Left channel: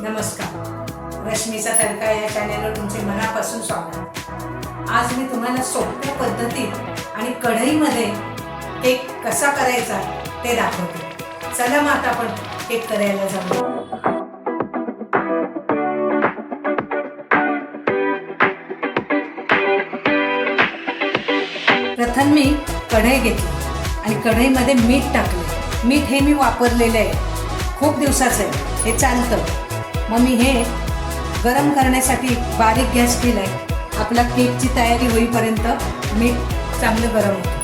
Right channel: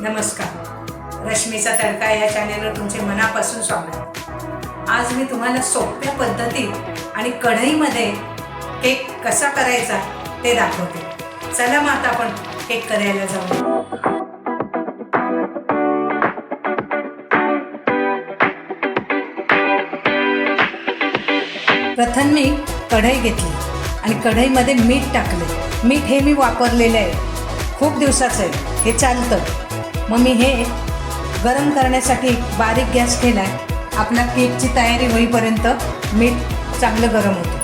नमस्कार. रश्मीचा तडका या चॅनेलवर तुमचे मनापासून स्वागत. आज मी तुम्हाला सोप्या पद्धतीत आणि कढईमध्ये केक कसा करायचा ते दाखवते. चला मग आता आपण केक करायला जाऊ. प्रथम मी कढई घेतली आणि कढईमध्ये मीठ टाकले. मीठ हे मी वापरलेलं आहे. खूप दिवसाचं आहे. हे चालतं. मग मी हे गरम करण्यासाठी बारीक गॅस केला आहे आपल्या केकची तयारी होईपर्यंत मीठ चांगलं गरम होतं.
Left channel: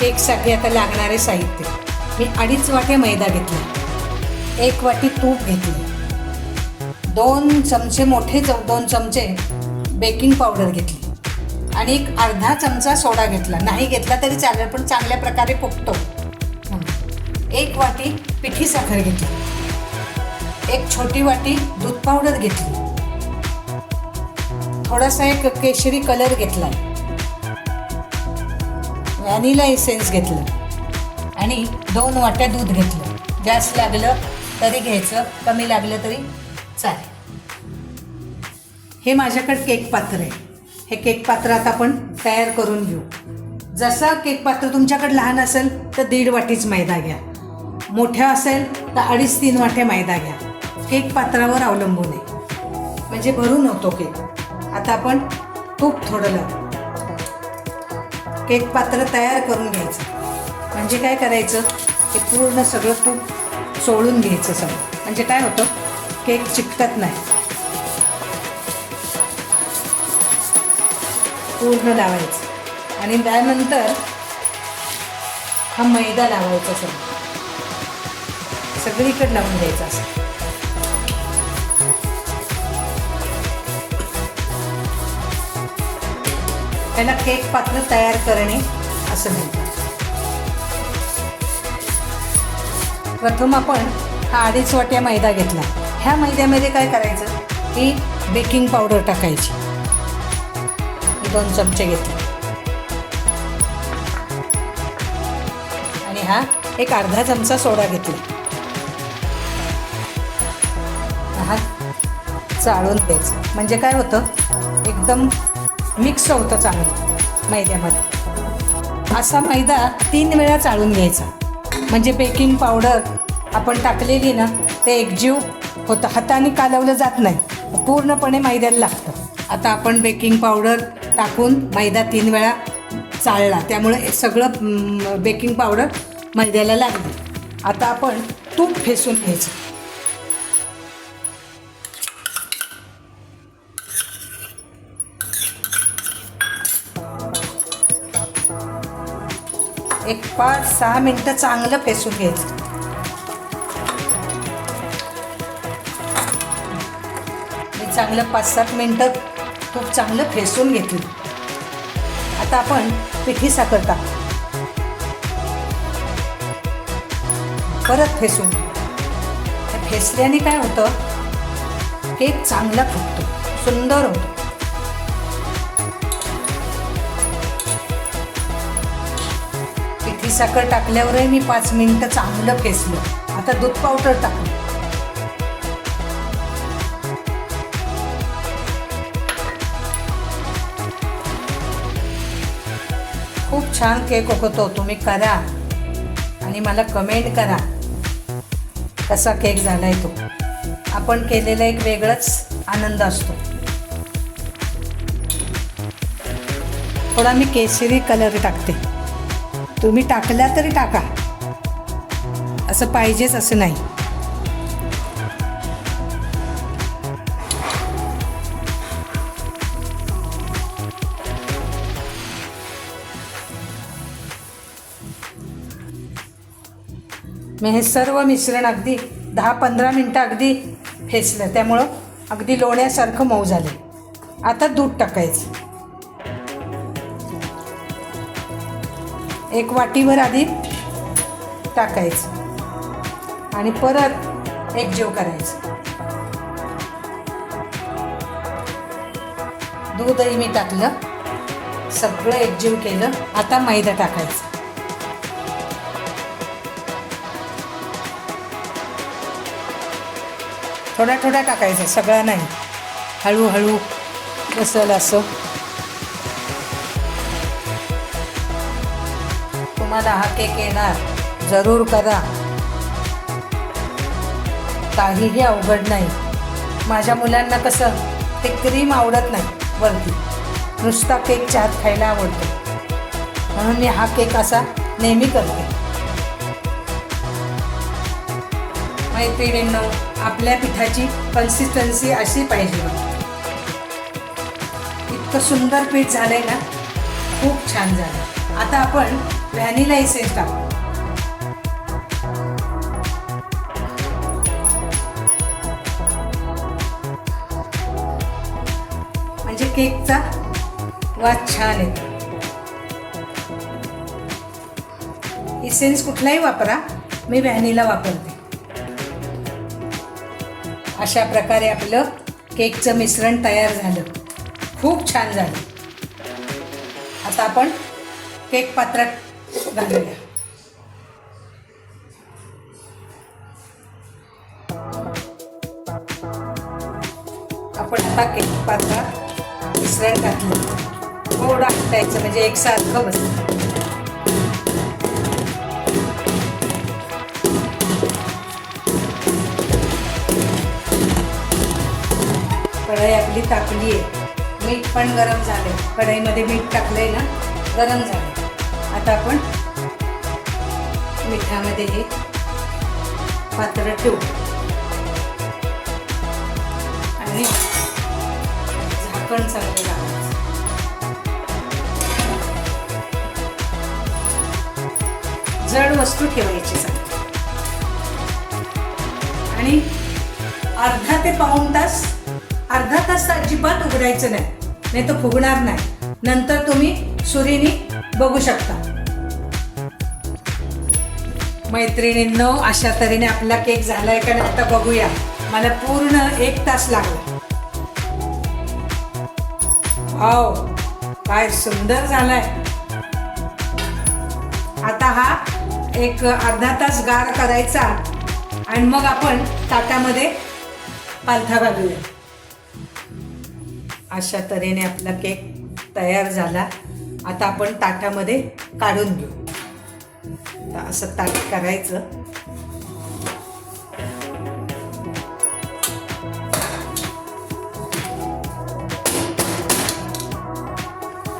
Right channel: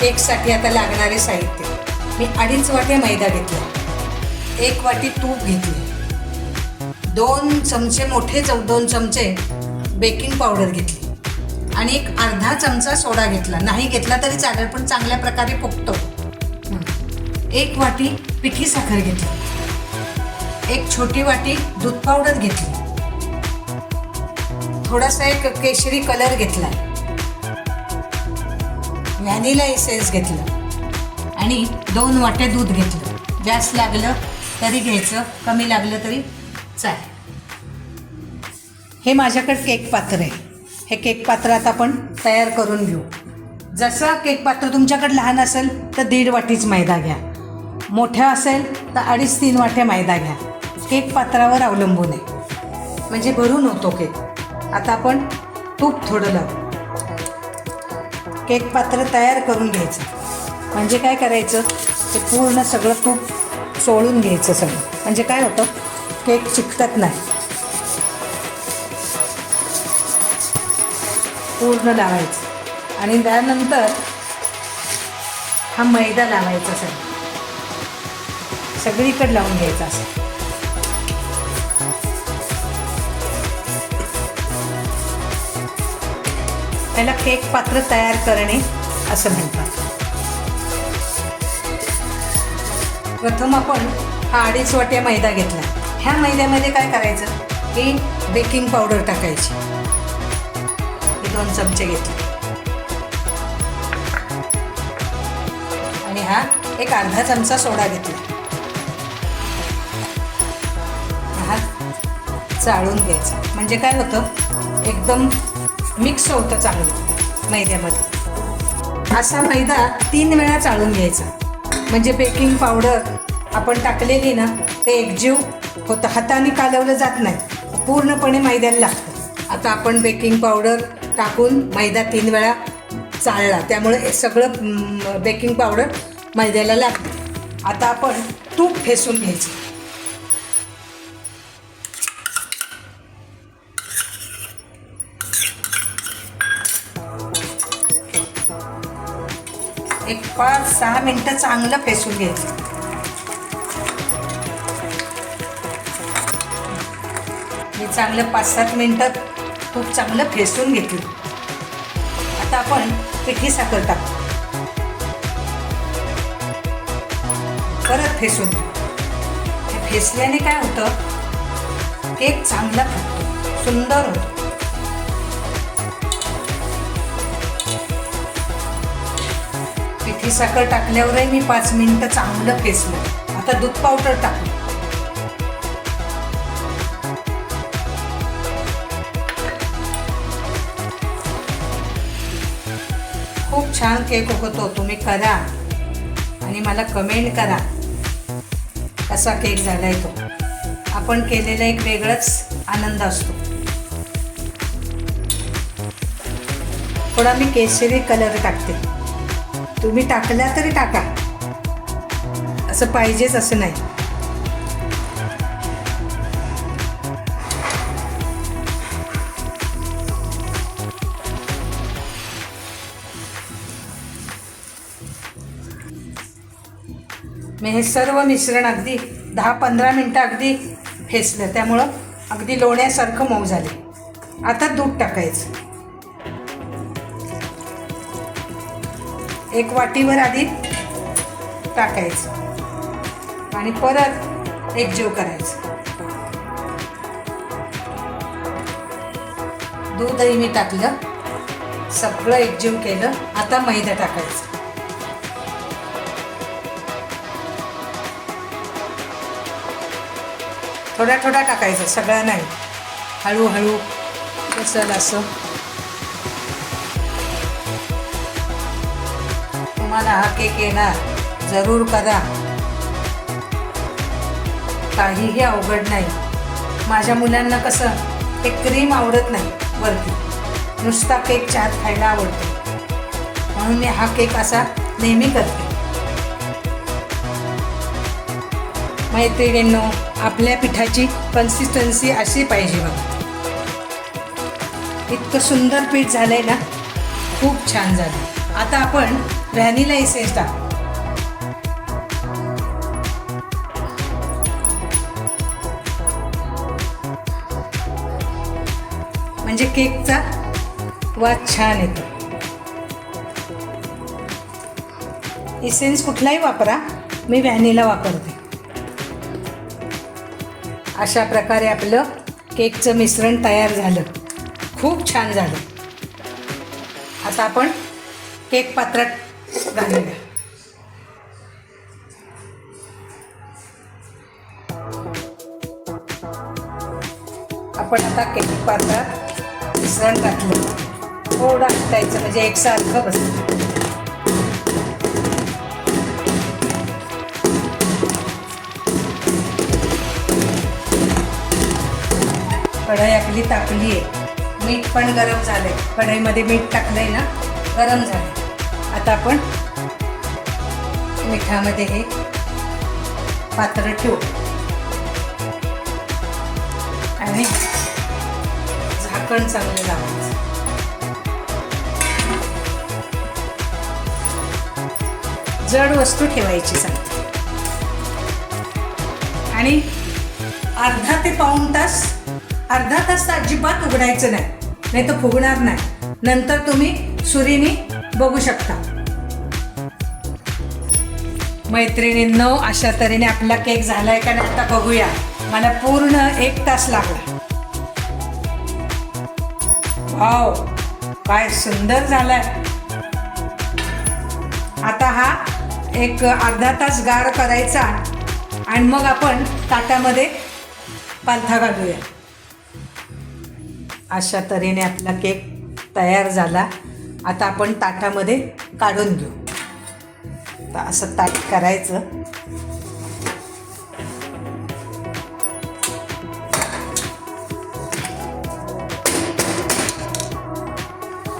केकसाठी आता लागणारे साहित्य. मी अडीच वाटे मैदा घेतला. एक वाटी तूप घेतली. दोन चमचे मोठे चौ दोन चमचे बेकिंग पावडर घेतली. आणि एक अर्धा चमचा सोडा घेतला. नाही घेतला तरी चालेल पण चांगल्या प्रकारे फुगतो एक वाटी पिठी साखर घेतली. एक छोटी वाटी दूध पावडर घेतली. थोडासा एक केशरी कलर घेतला. व्हॅनिला इसेन्स घेतलं. आणि दोन वाट्या दूध घेतलं. जास्त लागलं तरी घ्यायचं कमी लागलं तरी चालेल. हे माझ्याकडे केक पात्र आहे. हे केक पात्र आता आपण तयार करून घेऊ. जसं केक पात्र तुमच्याकडे लहान असेल तर दीड वाटीच मैदा घ्या. मोठ्या असेल तर अडीच तीन वाट्या मैदा घ्या. केक पात्रावर अवलंबून आहे. म्हणजे भरून होतो केक. आता आपण तूप थोडं लावू. केक पात्र तयार करून घ्यायचं. म्हणजे काय करायचं? ते पूर्ण सगळं तूप सोडून घ्यायचं सगळं. म्हणजे काय होतं? केक चिकटत नाही. पूर्ण लावायचं. आणि त्यानंतर हा मैदा लावायचा सगळं. सगळीकडे लावून घ्यायचा असं. त्याला केक पात्र तयार करणे असं म्हणतात. प्रथम आपण हा अडीच वाट्या मैदा घेतला. ह्या मैद्यामध्ये काय करायचं? की बेकिंग पावडर टाकायची. दोन चमचे घेतले. आणि हा एक अर्धा चमचा सोडा घेतला. हा चाळून घ्यायचा. म्हणजे काय होतं? एकदम मिक्स होतं चांगलं. मैद्यामध्ये. असा मैदा तीन वेळा चाळून घ्यायचा. म्हणजे बेकिंग पावडर आपण टाकलेली ना ते एकजीव होतं. हाताने कालवलं जात नाही. पूर्णपणे मैद्याला लागतं. आता आपण बेकिंग पावडर टाकून मैदा तीन वेळा चाळला. त्यामुळे हे सगळं बेकिंग पावडर मैद्याला लागतं आता आपण तूप फेसून घ्यायचं. एक पाच सहा मिनटं चांगलं फेसून घ्यायचं. मी चांगलं पाच सात मिनटं तूप चांगलं फेसून घेतलं. आता आपण पिठी साखर टाकू. परत फेसून घेऊ. फेसल्याने काय होतं? केक चांगला फुटतो सुंदर होतो. सकळ टाकल्यावरही मी पाच मिनिटं चांगलं फेसलं आता दूध पावडर टाकलं खूप छान केक होतो तुम्ही करा. आणि मला कमेंट करा. कसा केक झालाय तो. आपण केलेला एक वेगळाच आनंद असतो. थोडा मी केसरी कलर टाकते. तुम्ही टाकल्या तरी टाका. असं पाहिजेच असं नाही. मी हे सर्व मिश्रण अगदी दहा पंधरा मिनटं अगदी फेसलं त्यामुळं अगदी लोण्यासारखं मऊ झाले. आता दूध टाकायचं. एक वाटीवर आधी टाकायचं. आणि परत एक जेव करायचं. दूधही मी टाकलं. सगळं एकजीव केलं. आता मैदा टाकायचं. थोडा थोडा टाकायचा. सगळा नाही. हळूहळू बसल असं. तुम्हाला केक येणार जरूर करा. काहीही अवघड नाही. माझ्या मुलांना कसं ते क्रीम आवडत नाही वरती. नुसता केक चहात खायला आवडतो. म्हणून मी हा केक असा नेहमी करते. मैत्रिणींनो आपल्या पिठाची कन्सिस्टन्सी अशी पाहिजे बघा. इतकं सुंदर पीठ झालंय ना? खूप छान झालं. आता आपण व्हॅनिला एसेन्स टाक म्हणजे केकचा वाद छान येतो. इसेन्स कुठलाही वापरा मी व्हॅनिला वापरते. अशा प्रकारे आपलं केकचं मिश्रण तयार झालं. खूप छान झालं. आता आपण केक पात्रात घालूया आपण आता केली पात्रात मिश्रण टाकलं. थोडं हटायचं म्हणजे एकसारखं बस कढई आपली तापली आहे. मीठ पण गरम झाले कढईमध्ये मीठ टाकलंय ना गरम झालं आता आपण मिठामध्ये हे पात्र ठेवू. आणि झाकण चांगलं लावायचं. जड वस्तू ठेवायची सांगते आणि अर्धा ते पाऊण तास अर्धा तास अजिबात उघडायचं नाही. नाही तर फुगणार नाही. नंतर तुम्ही सुरीने बघू शकता. मैत्रिणींनो अशा तऱ्हेने आपला केक झालाय का नाही आता बघूया. मला पूर्ण एक तास लागला. वाव काय सुंदर झालाय. आता हा एक अर्धा तास गार करायचा आणि मग आपण ताटामध्ये पालथा घालूया. अशा तऱ्हेने आपला केक तयार झाला. आता आपण ताटामध्ये काढून घेऊ. तर असं ताट करायचं.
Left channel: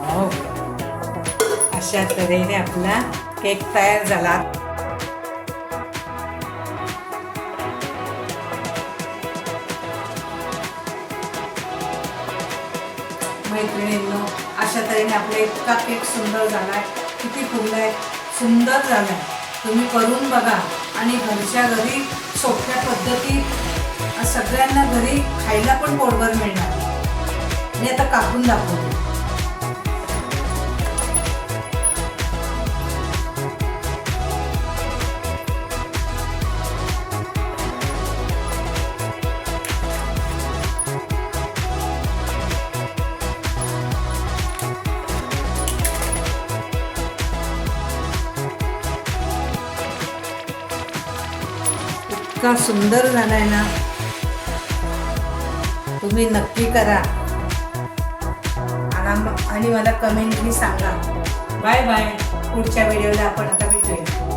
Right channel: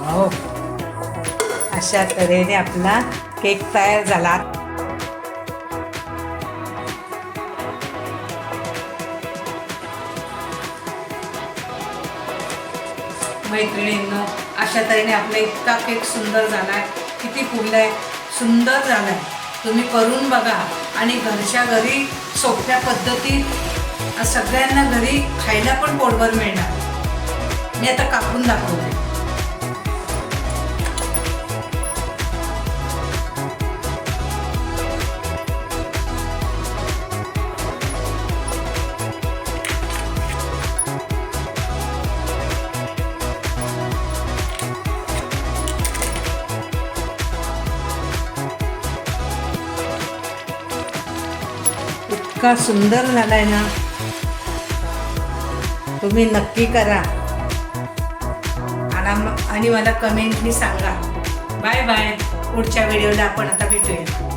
हो. अशा तऱ्हेने आपला केक तयार झाला. मैत्रिणींनो अशा तऱ्हेने आपला इतका केक सुंदर झाला आहे किती फुगलाय सुंदर झालाय तुम्ही करून बघा. आणि घरच्या घरी सोप्या पद्धतीत सगळ्यांना घरी खायला पण पोटभर मिळणार. मी आता कापून दाखवते. इतका सुंदर झालाय ना. तुम्ही नक्की करा. आणि आणि मला कमेंटनी सांगा. बाय बाय पुढच्या व्हिडिओला आपण आता भेटूया.